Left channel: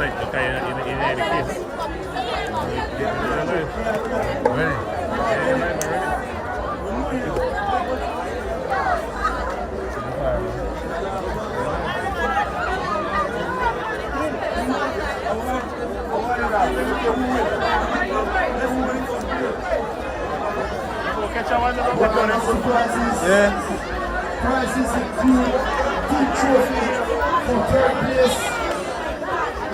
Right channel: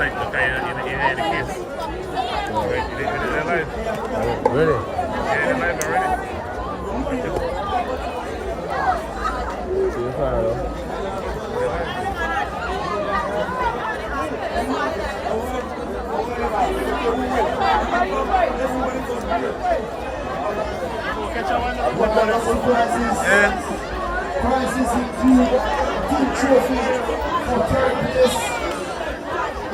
Ready? See the fire, Yeah. Prizes include team trophy for third place,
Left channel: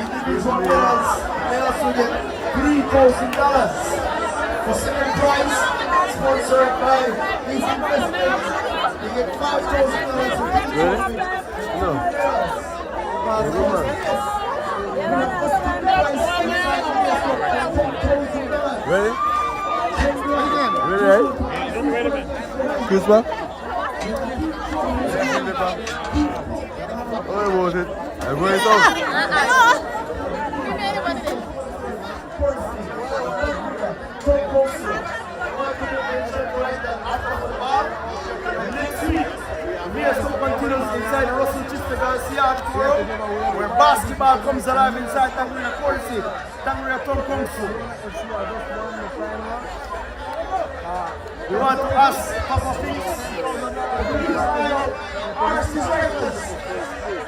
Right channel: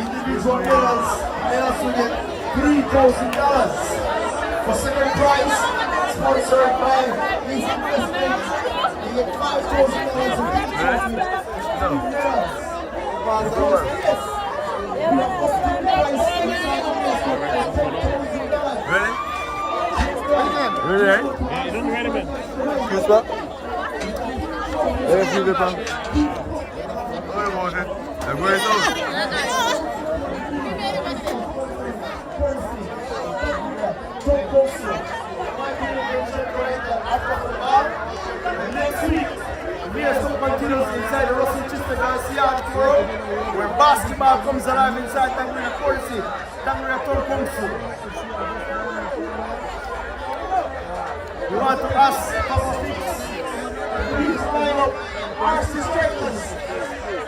individual medals. They also get $3,000 for second prize, sponsored by Easy Investments. They get $5,000 for team trophy. No. Ready? Ready, right? Excuse me? Excuse me, pal. What was it? I'm going out. Next week, we have some continues inside the Russell Chester Garcia Forum, where basketball comes alive inside Tanguria Courtesy, Tanguria Town Council. We want to ask Papa Fix,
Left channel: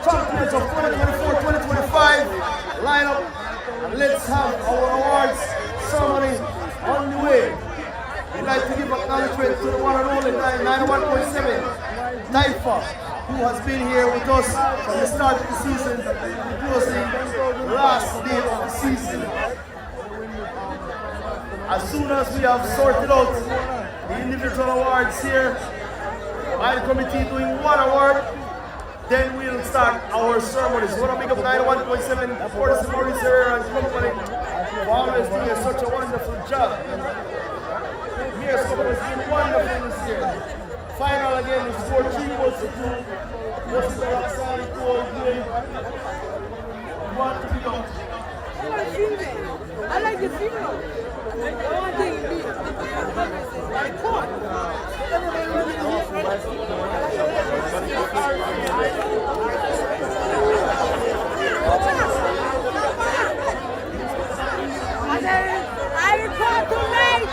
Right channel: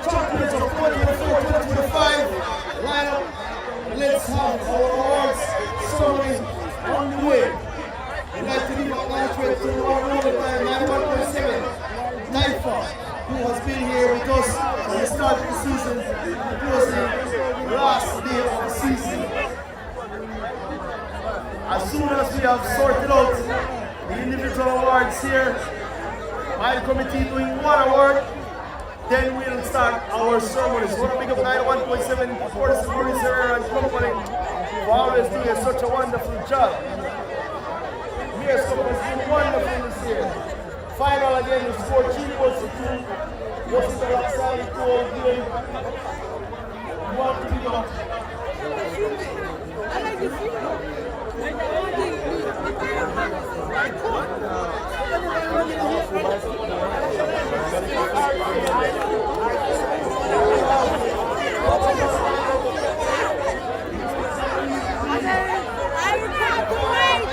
champions of 2024-2025, line up and let's have our awards ceremony on the way. We'd like to give acknowledgement to the one and only 91.7 Taifa, who has been here with us from the start of the season, including the last day of the season. As soon as we have sorted out the individual awards here by the committee doing one award, then we'll start our ceremonies. We want to big up 91.7 Fortis Maurice Herrera and company for always doing such a wonderful job. Mayor's Cup has been wonderful this year. Final again is 14 votes to 2. What's the last salary to all game? What to be done? I like the female. I want the like corn. Everybody running here. I report tonight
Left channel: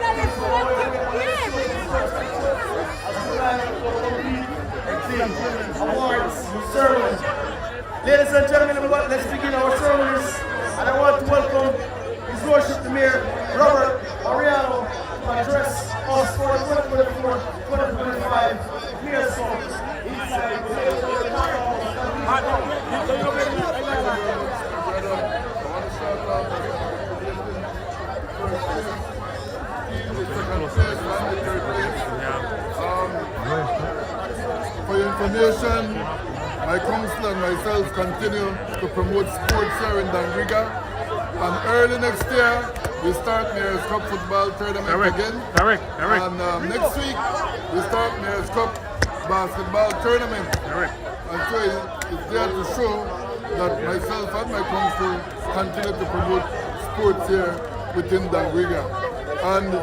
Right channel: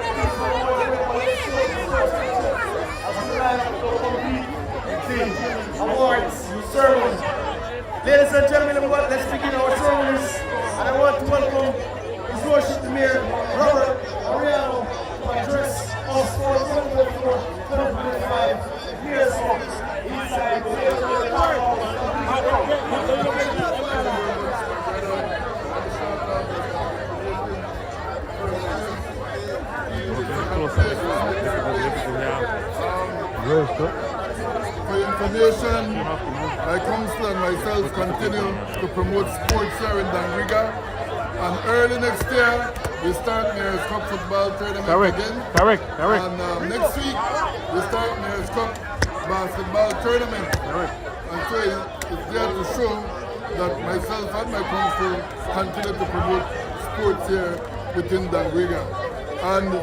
that it's fucking Awards, ceremony. Ladies and gentlemen, let's begin our ceremonies. And I want to welcome His Lordship the Mayor, Robert Mariano, to address us for the 2024-2025 Mayor's Cup inside the Powerhouse. For your information, my council and myself continue to promote sports here in Dangriga. And early next year, we start Mayor's Cup football tournament again. And next week, we start Mayor's Cup basketball tournament. And so it's there to show that myself and my council continue to promote sports here within Dangriga. And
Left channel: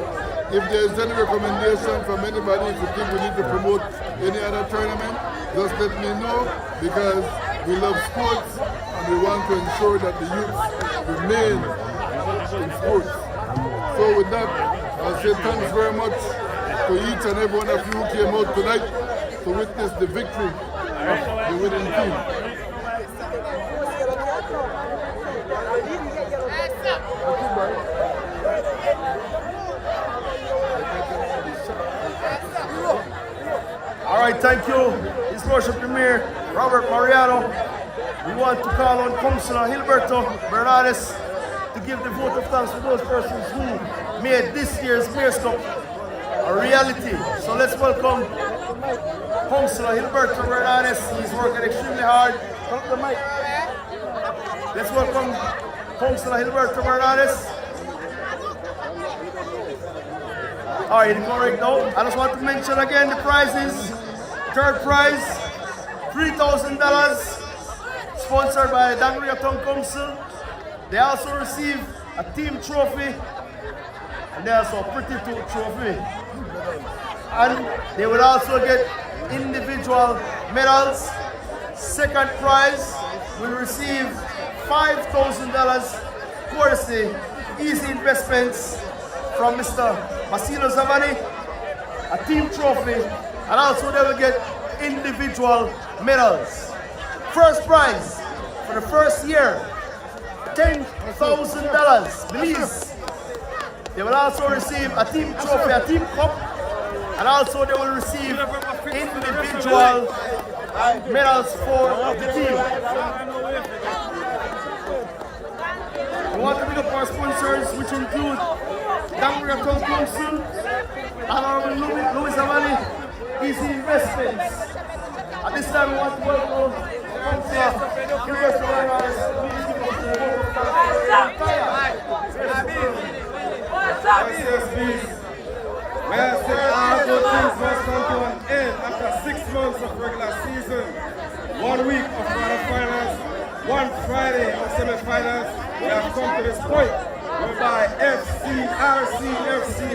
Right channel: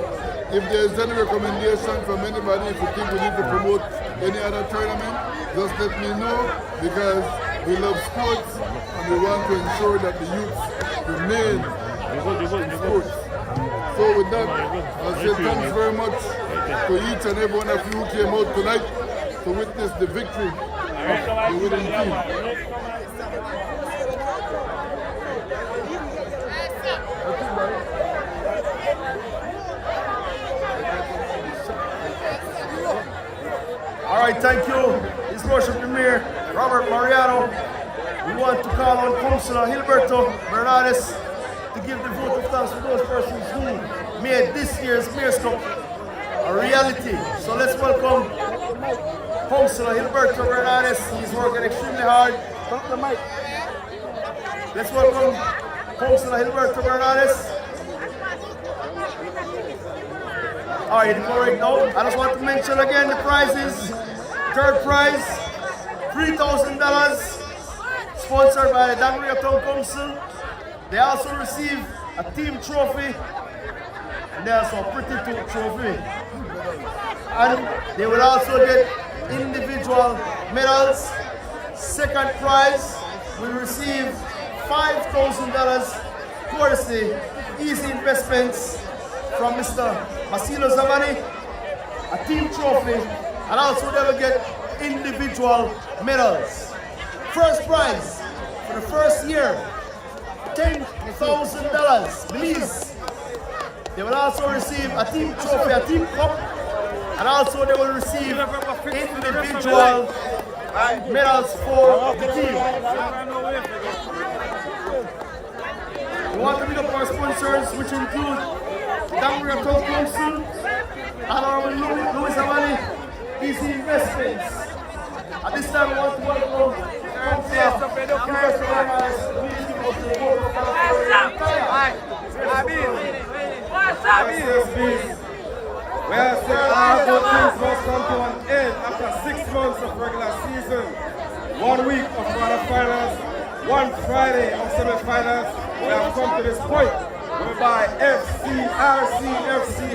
if there is any recommendation from anybody, if you think we need to promote any other tournament, just let me know, because we love sports and we want to ensure that the youth remain in sports. So with that, I'll say thanks very much to each and every one of you who came out tonight to witness the victory of the winning team. All right, thank you, His Lordship the Mayor, Robert Mariano. We want to call on Councillor Gilberto Bernardes to give the vote of thanks for those persons who made this year's Mayor's Cup a reality. So let's welcome Councillor Gilberto Bernardes. He's working extremely hard. Welcome the mic. Let's welcome Councillor Gilberto Bernardes. All right, go right now. I just want to mention again the prizes. Third prize, $3,000, sponsored by the Dangriga Town Council. They also receive a team trophy, and they also a pretty trophy. And they will also get individual medals. Second prize will receive $5,000 courtesy Easy Investments from Mr. Basilio Zamani, a team trophy, and also they will get individual medals. First prize for the first year, $10,000. Belize. They will also receive a team trophy, a team cup, and also they will receive individual medals for the team. We want to pick up our sponsors, which include Dangria Town Council, Honorable Louis Zamani, Easy Investments. At this time, we want to welcome Councillor Investor Morales. Please give us the vote of thanks. Well, say all good things must come to an end after 6 months of regular season, 1 week of quarterfinals, 1 Friday of semi-finals. We have come to this point whereby RCFC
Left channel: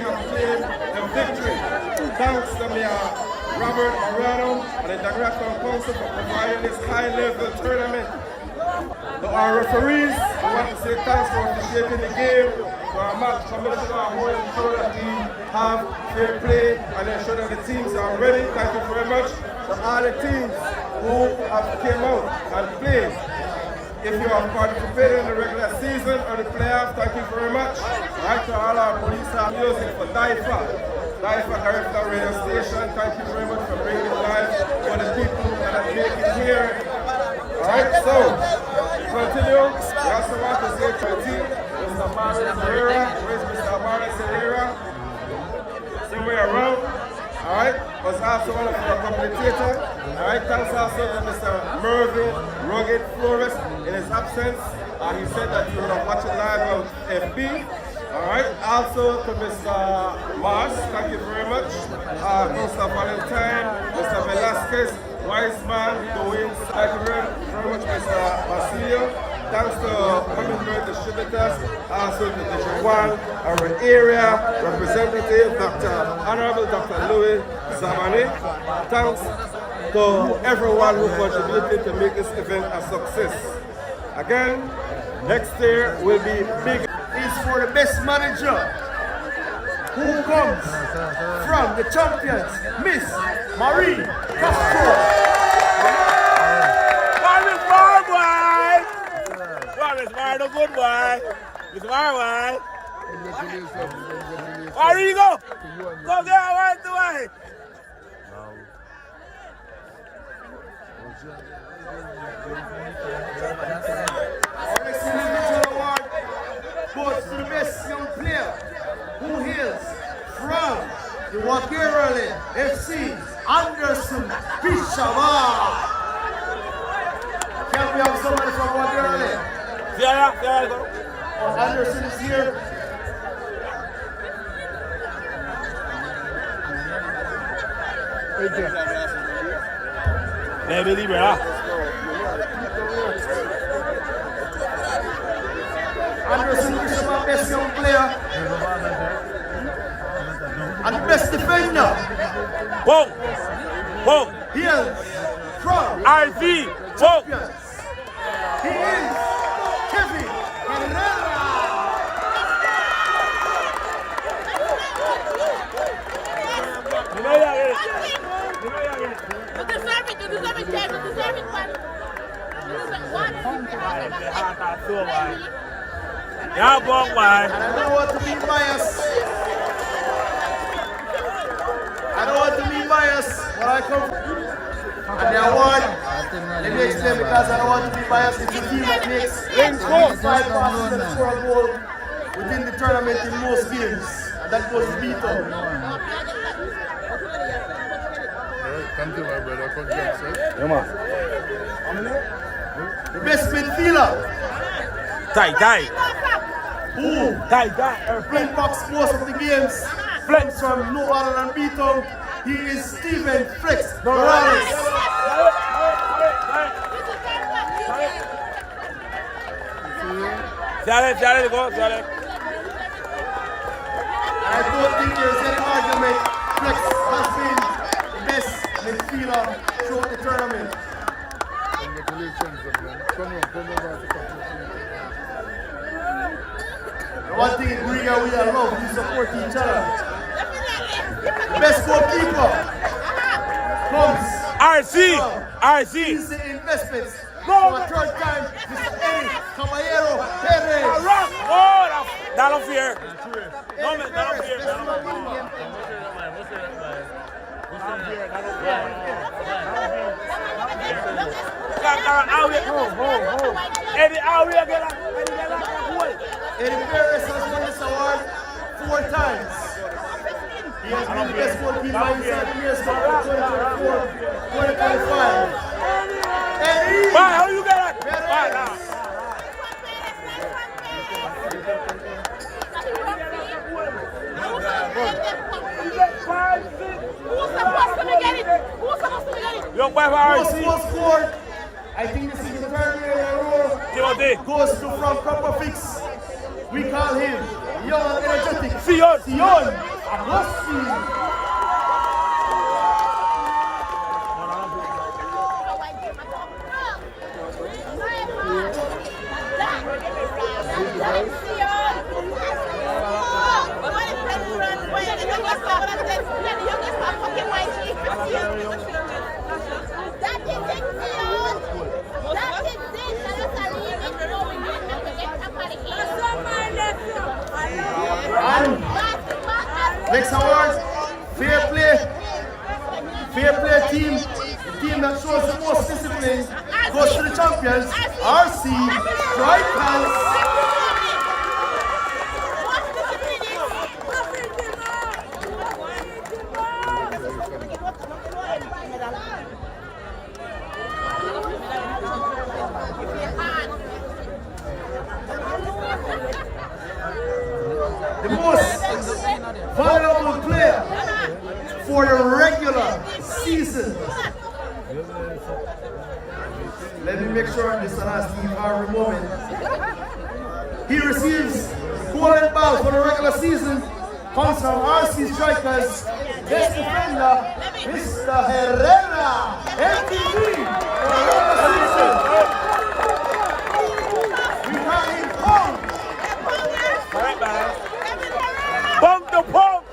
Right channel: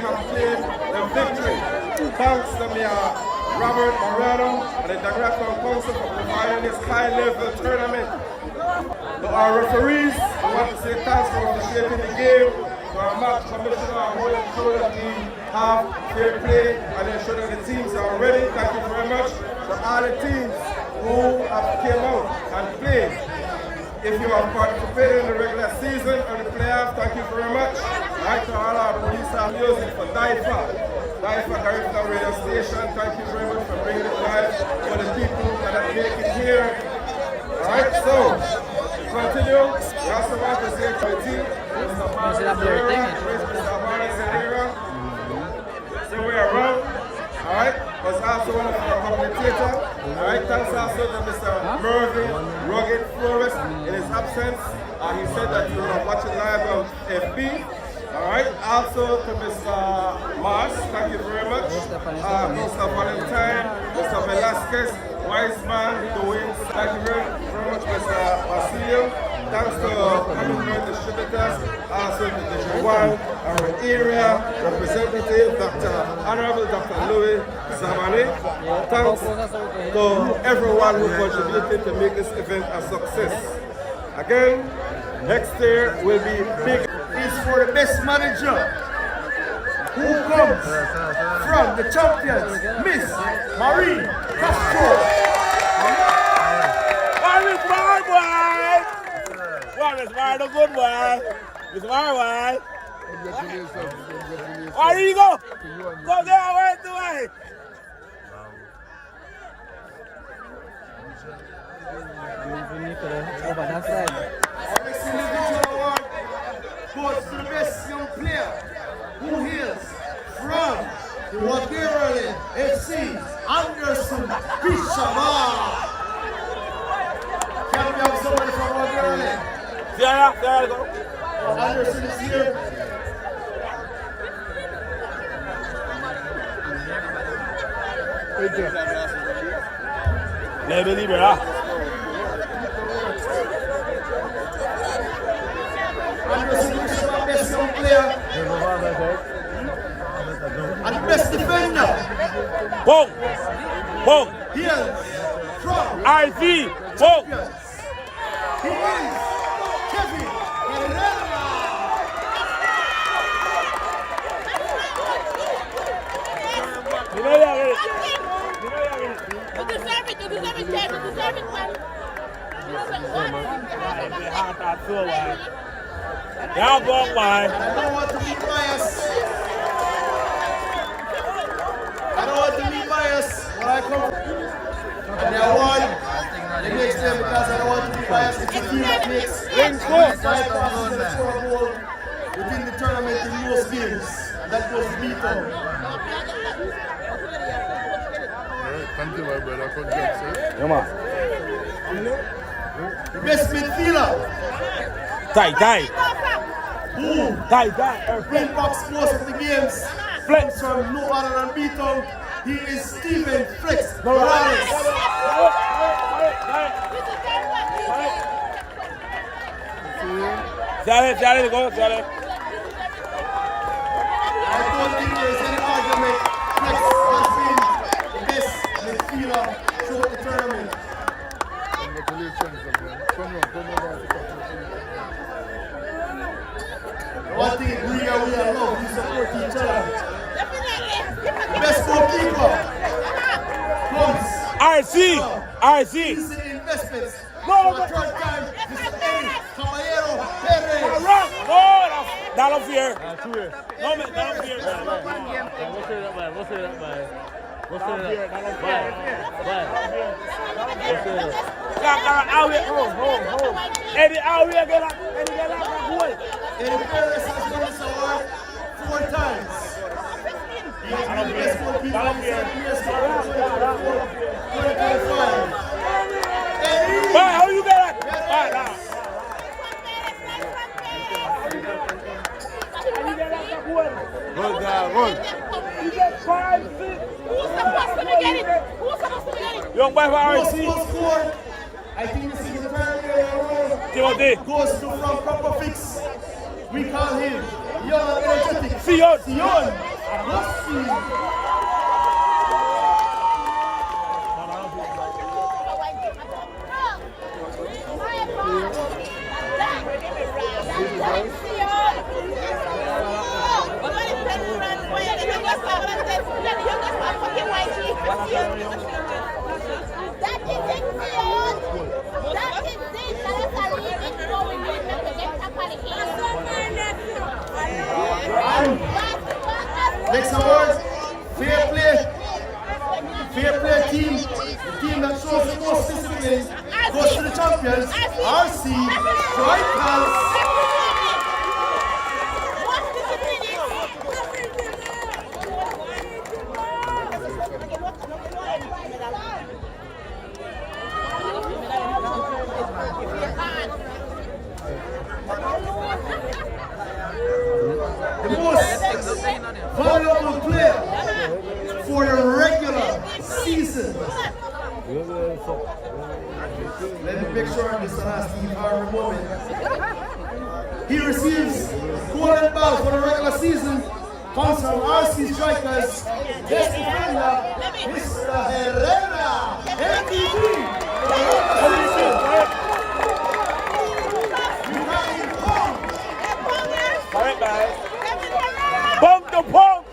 have claimed the victory. Thanks to Mayor Robert Mariano and the Dangria Town Council for providing this high-level tournament. To our referees, we want to say thanks for officiating the game. To our match commissioner, who will ensure that we have fair play and ensure that the teams are ready. Thank you very much. To all the teams who have came out and played. If you have participated in the regular season or the playoffs, thank you very much. All right, to all our police and music for DIFA Garifuna Radio Station, thank you very much for bringing it live for the people that have made it here. All right, so to continue, we also want to say to the team, Mr. Maris Herrera, where's Mr. Maris Herrera? Somewhere around. All right, was also one of our commentators. All right, thanks also to Mr. Mervyn Rugged Flores in his absence. He said that he would have watched it live on FB. All right, also to Mr. Mars, thank you very much. Mr. Valentine, Mr. Velasquez, Wiseman, Dwayne, thank you very much, Mr. Basilio. Thanks to Hummingbird Distributors, also to Dijon, our area representative, Honorable Dr. Louis Zamani. Thanks to everyone who contributed to make this event a success. Again, next year will be big. Is for the best manager who comes from the champions, Miss Marie Castro. It's Mar, the good boy. It's Mar, boy. Congratulations. Where do you go? Go there, right away. Our next individual award goes to the best young player who hails from the Wagerale FC, Anderson Bishama. Can we have somebody from Wagerale? There you go. Anderson is here. Let me leave it out. Anderson is the best young player and the best defender. Boom. Boom. Hails from RV. Boom. He is Kevin Herrera. Yeah, boy. And I don't want to be biased. But I come from. And the award, let me explain because I don't want to be biased. It's the team that makes 5 passes and score a goal within the tournament in most games. And that goes to Vito. Alright, thank you, my brother. Congrats, sir. Come on. The best midfielder Die. who Die. impacts most of the games comes from no other than Vito. He is Steven Flex Morales. Charlie, go, Charlie. I don't think there's any argument. Flex has been the best midfielder throughout the tournament. Congratulations, man. Come on. The one thing in Riga, we are love, we support each other. The best goalkeeper comes RC. He's the investments. For a third time, Mr. Eddie Caballero Perez. Dollar fear. Eddie Perez, best goalkeeper. Eddie Perez has won this award 4 times. He has been the best goalkeeper inside the Mayor's Cup for 2024-2025. Eddie! How you got it? Perez! Most goals scored. I think this is the third year in a row. Goes to from Proper Fix. We call him young and energetic Sion Agosti. And next award, fair play team, the team that shows the most discipline goes to the champions, RC Strikers. The most valuable player for the regular season. Let me make sure this is not Steve Harvey moment. He receives golden ball for the regular season. Comes from RC Strikers, best defender, Mr. Herrera, MVP for the regular season. We call him Pong. Pump the pump.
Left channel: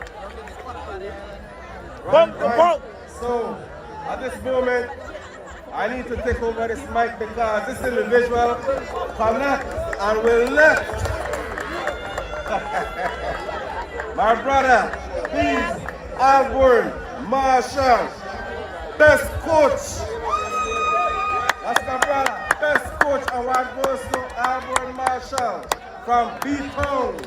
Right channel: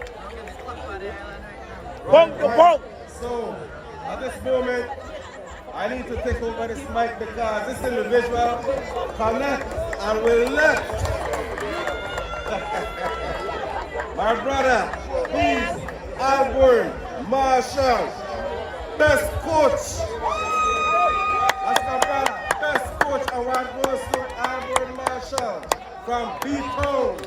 Right. So, at this moment, I need to take over this mic because this individual cannot and will not. My brother, please, Alborn Marshall, best coach. That's my brother, best coach. Award goes to Alborn Marshall from B-Town.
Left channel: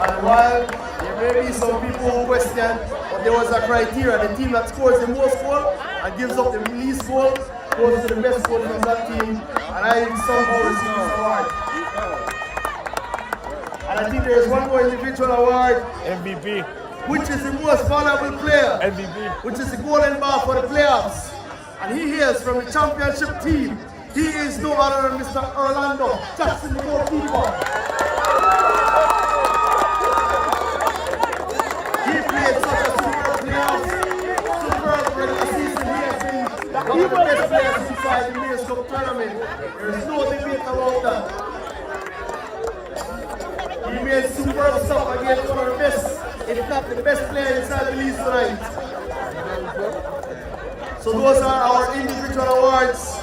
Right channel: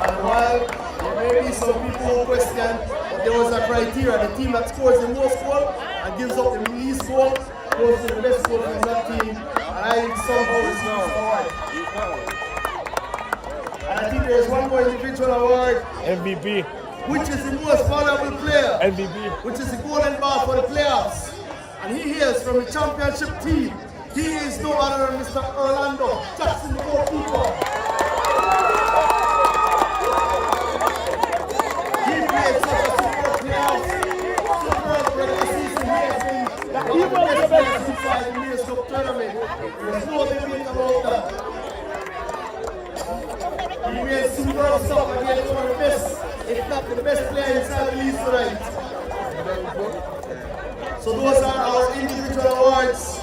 And while there may be some people who question, but there was a criteria, the team that scores the most goal and gives up the least goal goes to the best coach from that team, and I somehow receive this award. And I think there's one more individual award, MVP. which is the most valuable player, MVP. which is the golden ball for the playoffs. And he is from the championship team. He is no other than Mr. Orlando Jackson, the goalkeeper. He played such a superb playoffs, superb regular season. He has been one of the best players inside the Mayor's Cup tournament. There is no debate about that. He made superb stuff against one of the best, if not the best player inside the league tonight. So those are our individual awards.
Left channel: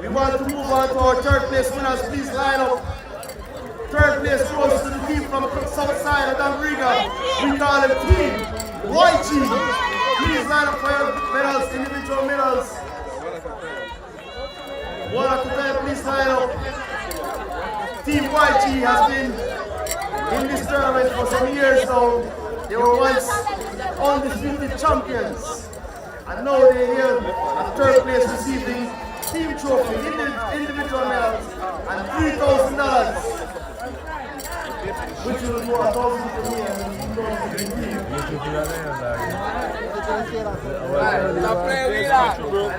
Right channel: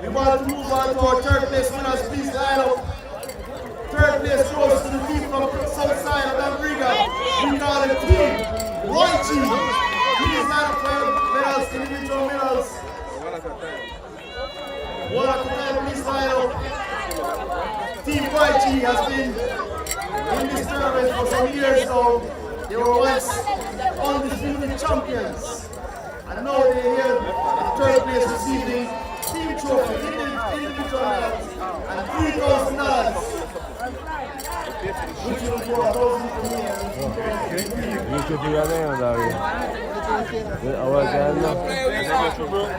We want to move on to our third place winners. Please line up. Third place goes to the team from south side of Danbriga. We call them Team YG. Please line up for your medals, individual medals. One at a time, please line up. Team YG has been in this tournament for some years now. They were once undisputed champions. And now they're here at third place receiving team trophy, individual medals, and $3,000. Which will go 1,000 for me and 2,000 for the team.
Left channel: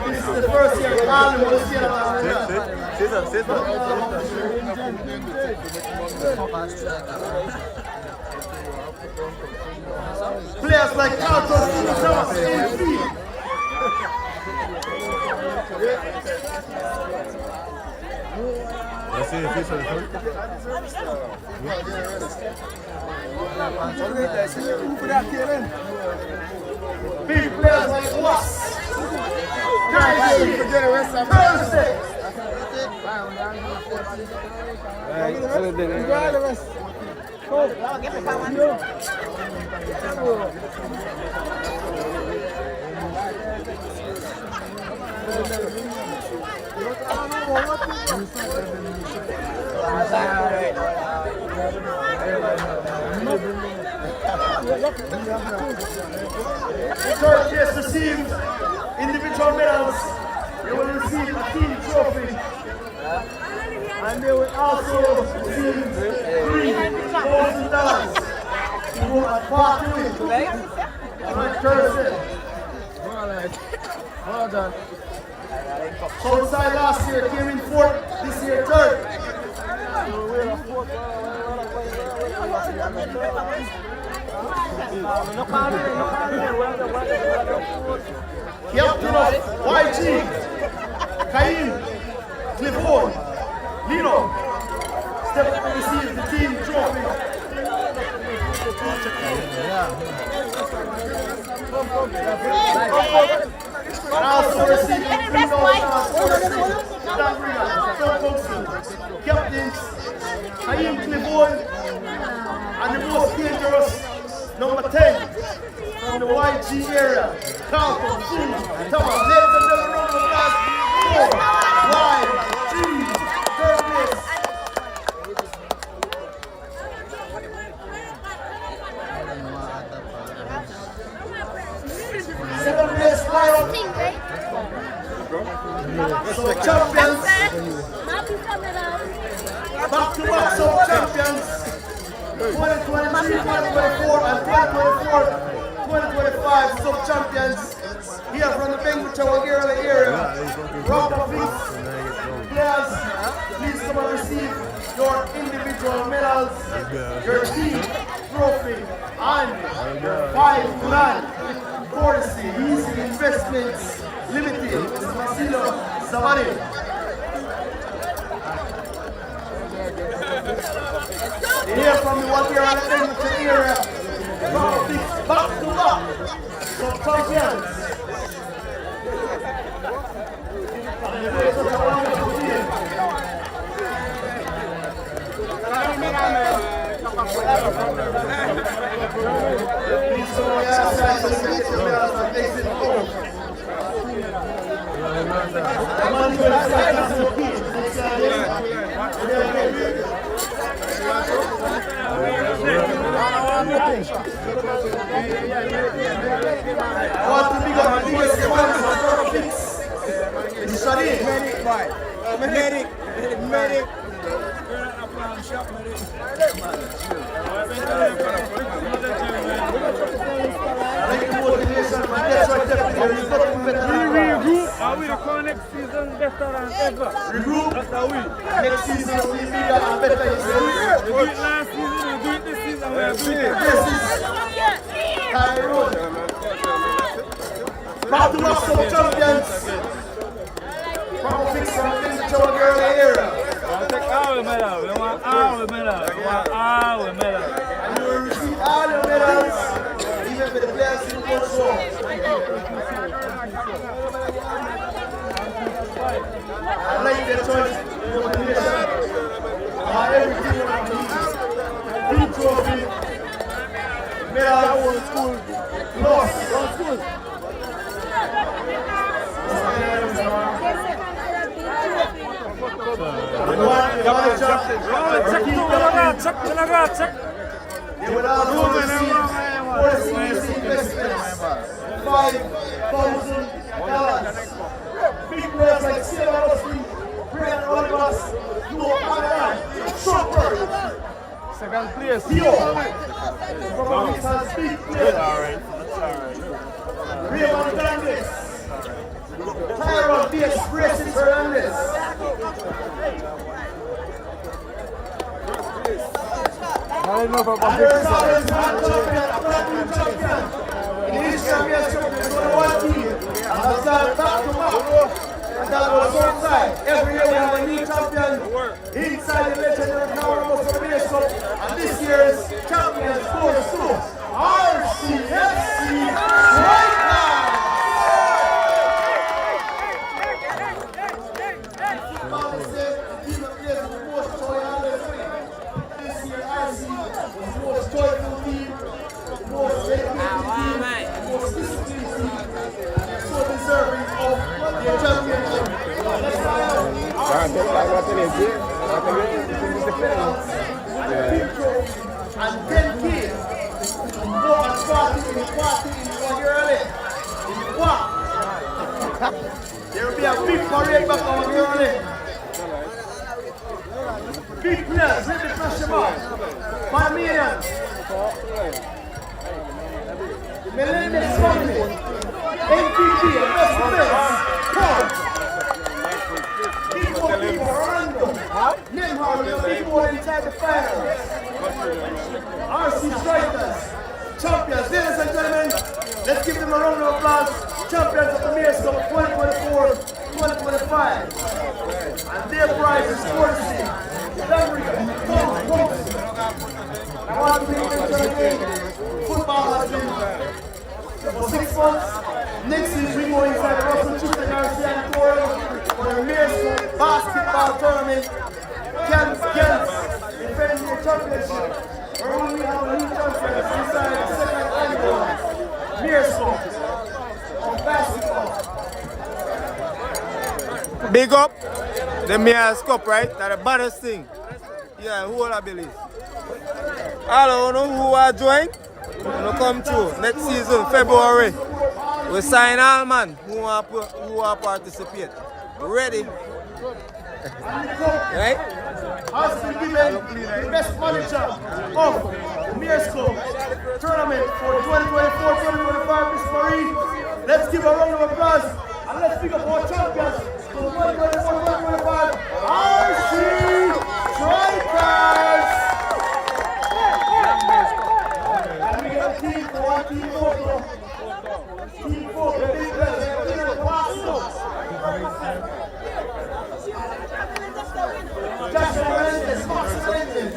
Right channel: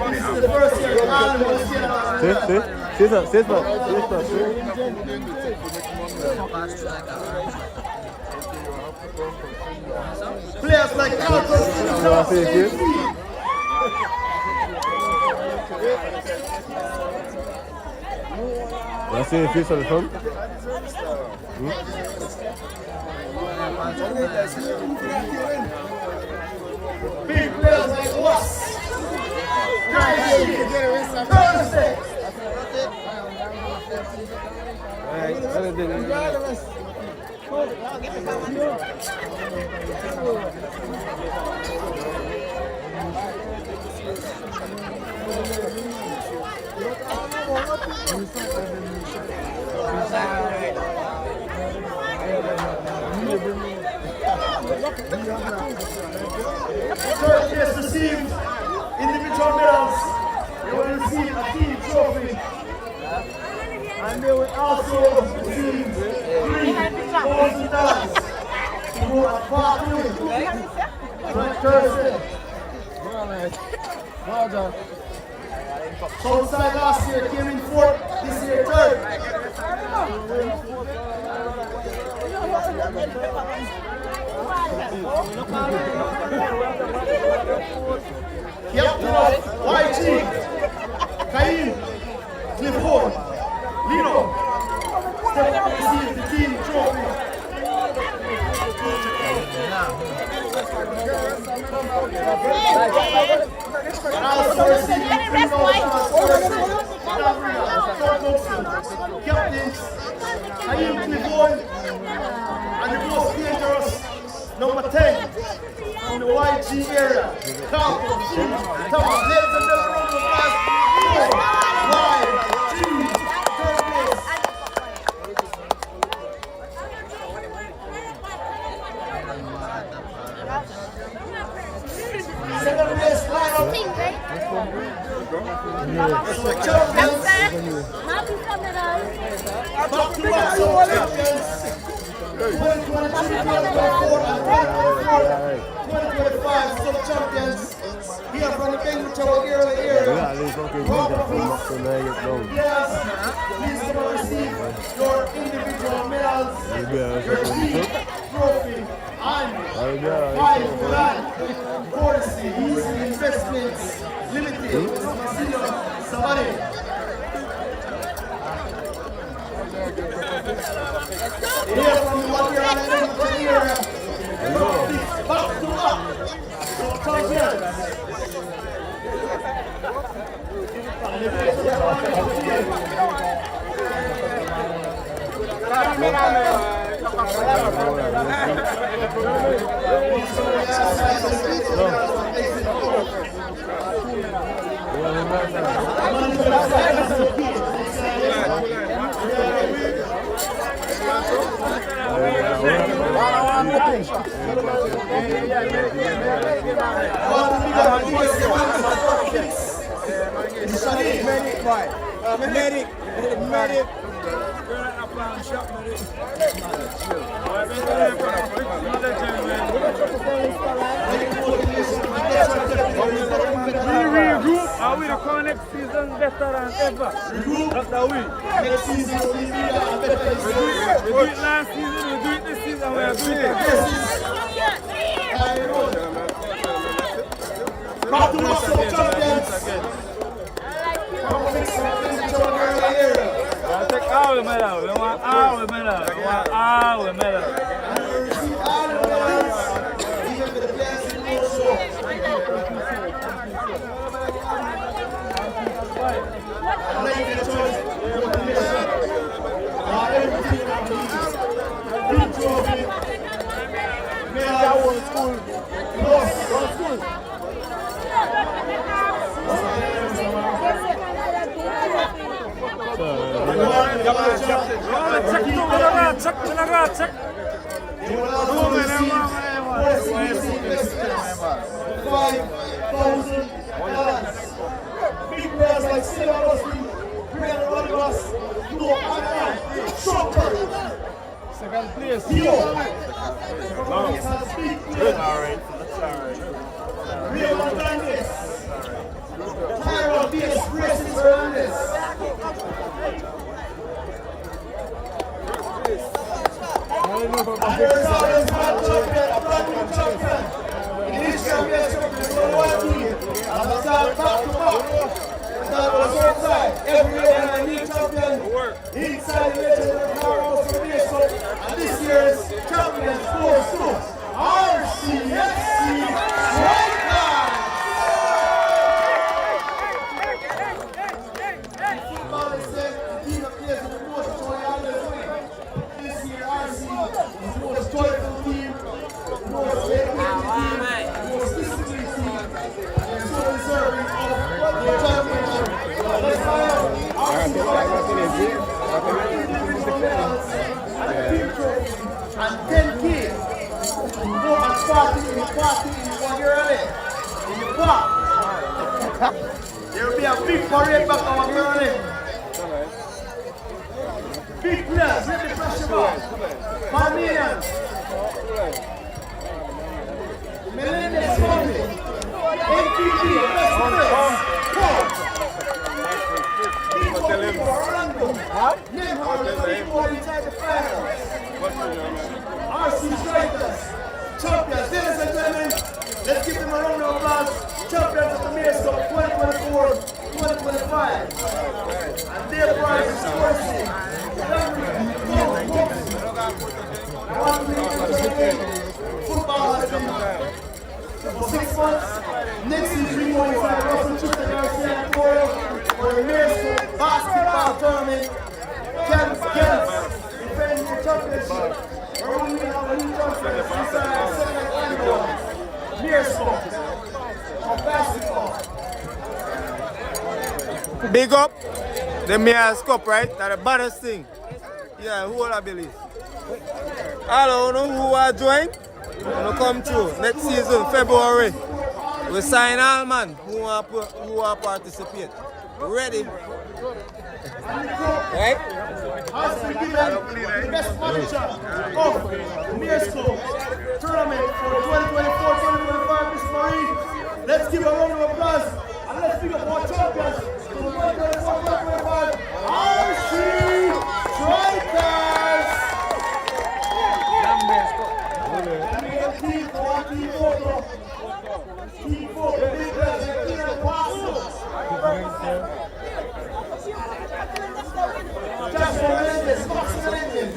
This is the first year all want to see that. Players like Carlton, Thomas, AP. You see the fish on the front? Big players like Was, Thursday. Third place received individual medals. They will receive a team trophy. And they will also receive $3,000 to go and part with. Alright, Thursday. Southside last year came in fourth, this year third. Captain of YG, Cain, Clifford, Lino, step up to receive the team trophy. And also receiving $3,000 courtesy, Dan Riga, Tom Thompson, captains, Cain Clifford, and the most dangerous number 10 from the YG area, Carlton, Thomas. Ladies and gentlemen, round of applause for YG, third place. Second place, champions. Back-to-back sub-champions. 2023, 2024, and 2024-2025 sub-champions here from the Benguchawa area. Round of applause. Players, please come and receive your individual medals, your team trophy, and your $5,000 courtesy Easy Investments Limited. Mr. Marcelo Savani. Here from the Water and the Benguchawa area, from a big back-to-back sub-champions. Medic. Regroup, are we the next season better than ever? Regroup, that's how we. Next season will be bigger and better. We do it last season, we do it this season, we are doing it. Back-to-back sub-champions. Proper fix from the Benguchawa area. We take all the medals, we want all the medals, we want all the medals. And you will receive all the medals, even for the players who also. I'd like you to join the motivation. Everything team trophy, medals, plus school. Check. They will also receive $5,000. Big players like Stella Rusty, Brian Olivas, Duo Online, Chopper. Second place. Theo. From has big players. Alright. Rio Hernandez. Tyron B.S. Racing Hernandez. I don't know about And there's That was so tight. Every year we have a new champion inside the legendary Power of the Base Cup. And this year's champion goes to RCFC Strikers. This year RC is the most joyful team, the most dedicated team, the most disciplined team, and they're so deserving of their championship. And 10 kids go and party in the Wagirale. In the park. There will be a big parade back on Wagirale. Big players, let the pressure back. Panamanians. The Melendez family. NTP, best friends. Big one people, Orlando. Nimhard, the big one inside the finals. RC Strikers. Champions, ladies and gentlemen. Let's give them a round of applause. Champions of the Mayor's Cup 2024-2025. And their prize is courtesy. I want to make football has been for 6 months. Next week we go inside Russell Chister Garcia Auditorium for the Mayor's Cup basketball tournament. Girls defending the championship. Where we have a new champion inside the second annual Mayor's Cup of basketball. Big up the Mayor's Cup, right? That's the baddest thing. Yeah, who will I believe? Hello, who are joined? Who come through next season, February. We sign all man who are participate. Ready? Right? Has been given the best manager of the Mayor's Cup tournament for 2024-2025, Miss Marie. Let's give a round of applause and let's pick up our champions for 2024-2025, RC Strikers. And we get a team for one team photo. Team photo, big players, like Peter Velasco. Jackson Melendez, Fox Melendez.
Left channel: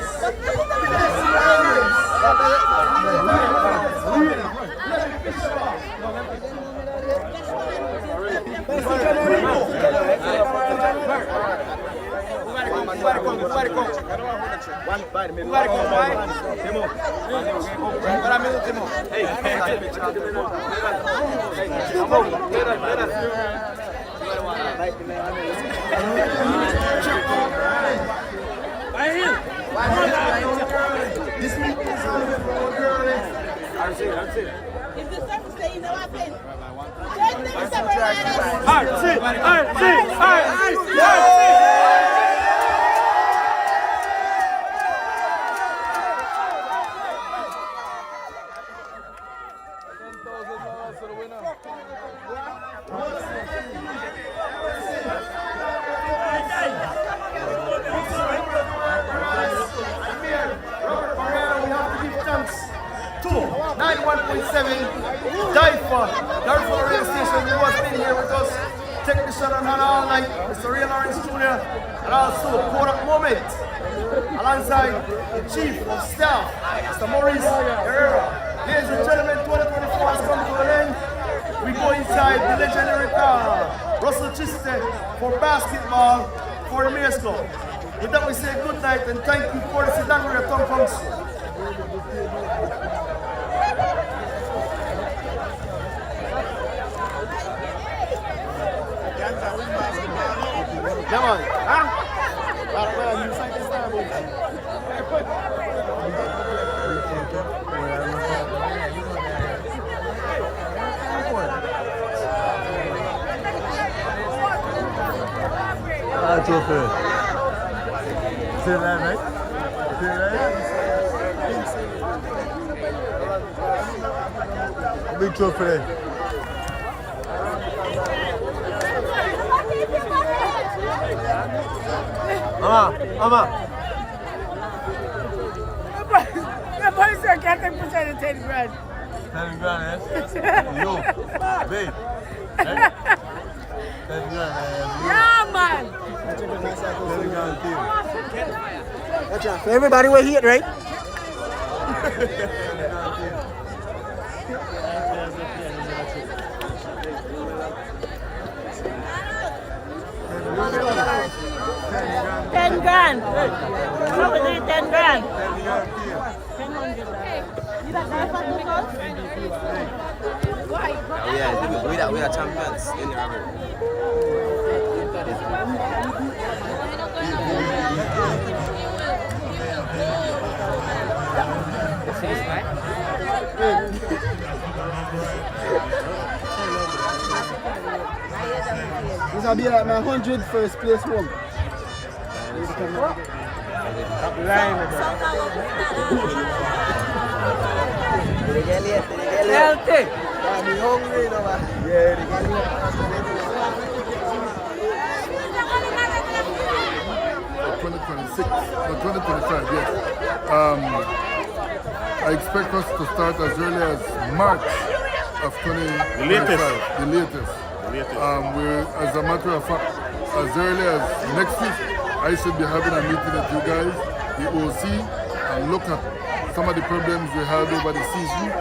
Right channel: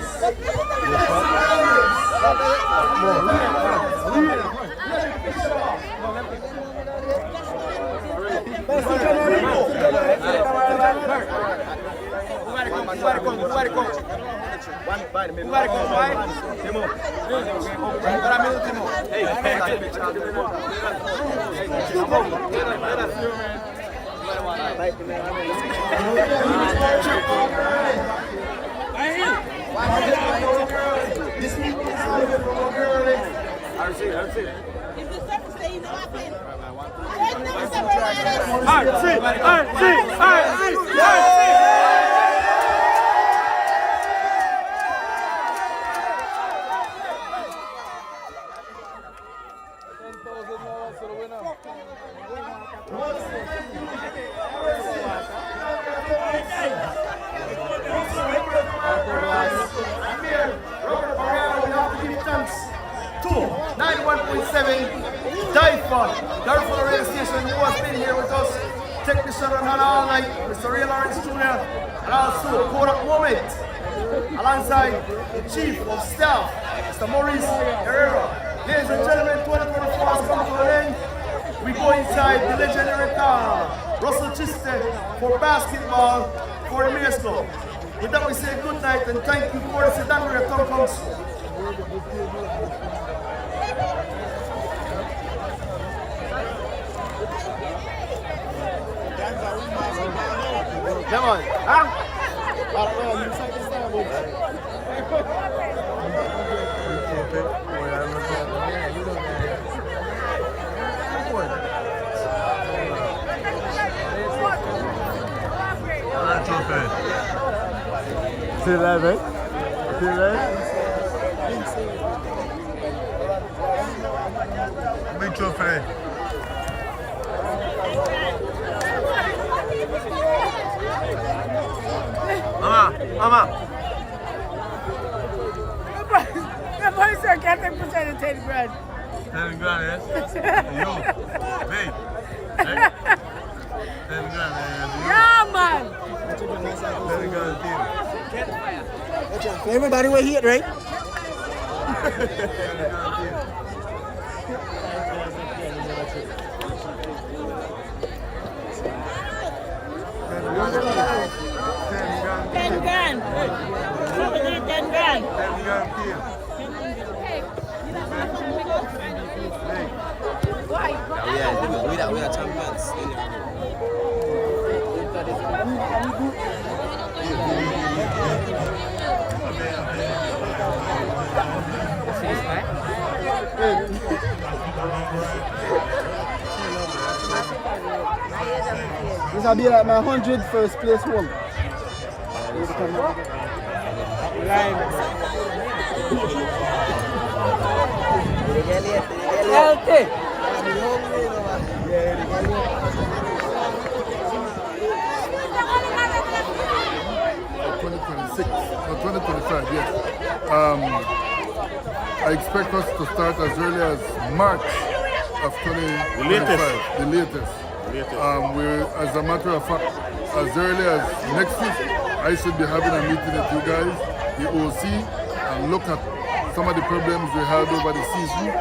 To 91.7 Darfur Radio Station, who has been here with us, technician on hand all night, Mr. Ray Lawrence Jr., and also Kodak Moment, alongside the Chief of Staff, Mr. Maurice Herrera. Ladies and gentlemen, 2024 has come to an end. We go inside the legendary Russell Chister for basketball for the Mayor's Cup. With that, we say good night and thank you for the Sidanbury Tom Council. Come on, huh? That's okay. Still alive, right? Still alive? Big trophy. Mama. The boy said can't take percent of 10 grand. 10 grand, yes? Yo, babe. Hey. Yeah, man. Everybody will hear it, right? $10 grand. How much is 10 grand? Why? We are champions. This will be like my 100 first place home. Healthy. I'm hungry, you know, man. 2026 or 2025, yes. I expect us to start as early as March of 2025. The latest. As a matter of fact, as early as next week, I should be having a meeting with you guys, the OC, and look at some of the problems we had over the season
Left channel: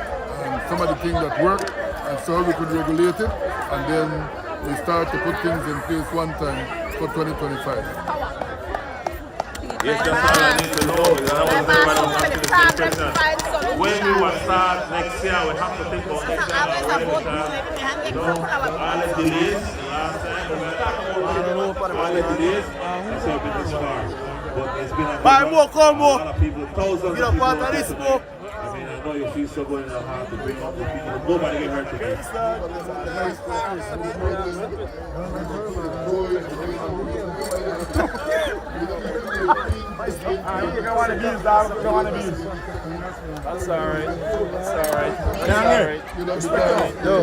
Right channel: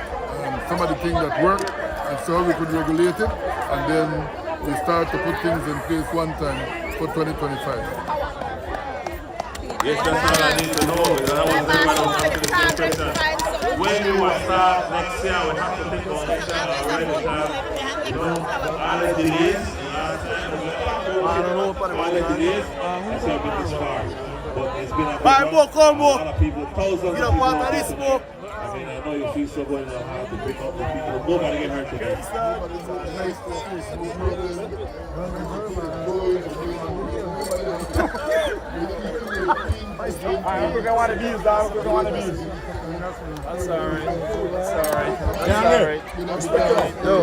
and some of the things that work, and so we could regulate it, and then we start to put things in place one time for 2025. Yes, that's all I need to know because I was everybody was asking the same question. When we will start next year, we have to think about next year already because all the delays last time. I don't know what the delays. It's been a Buy more, call more. people, thousands of You know, part of this more. I mean, I know you feel so good in your heart to bring up the people. Nobody get hurt today. That's alright. That's alright. That's alright. Yo,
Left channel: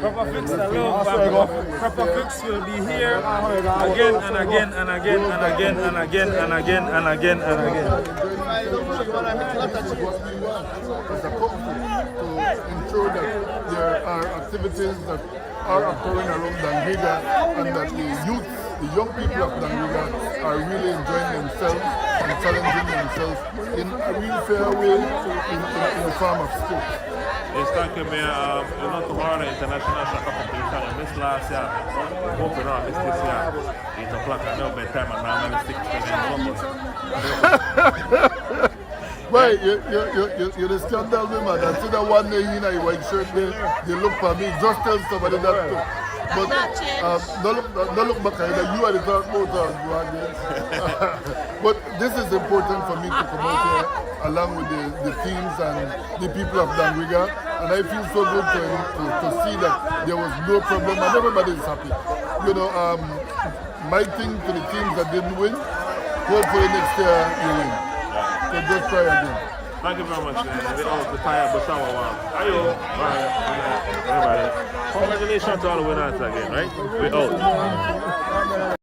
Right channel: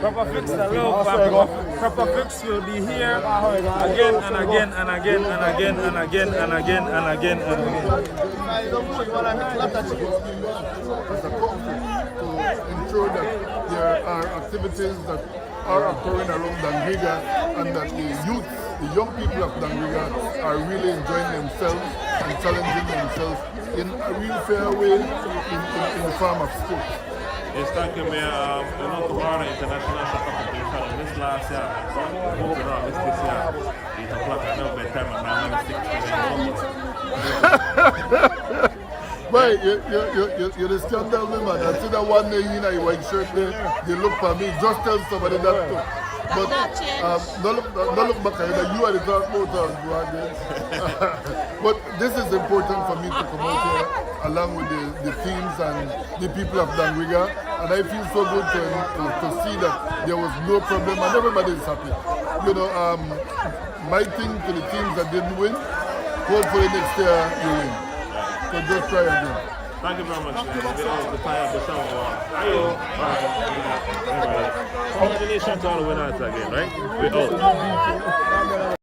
Proper Fix, I love Proper Fix will be here again and again and again and again and again and again and again and again. As a country, to ensure that there are activities that are occurring around Dangriga and that the youth, the young people of Dangriga are really enjoying themselves and challenging themselves in a real fair way in the form of sport. Yes, thank you, Mayor. You know, tomorrow the international soccer competition. I missed last year. I hope you don't miss this year. 8 o'clock. I know bedtime and now I'm 6 p.m. Right, you're the scandal, man. I see that one day in a white shirt there, they look for me. Just tell somebody that too. But don't look back at it. You are the top motor. But this is important for me to come out here along with the teams and the people of Dangriga. And I feel so good to see that there was no problem and everybody is happy. You know, my thing to the teams that didn't win, hopefully next year you win. So just try again. Thank you very much, man. We all the fire, but someone wow. Ayo, bye. Good night, everybody. Congratulations to all the winners again, right? We're out.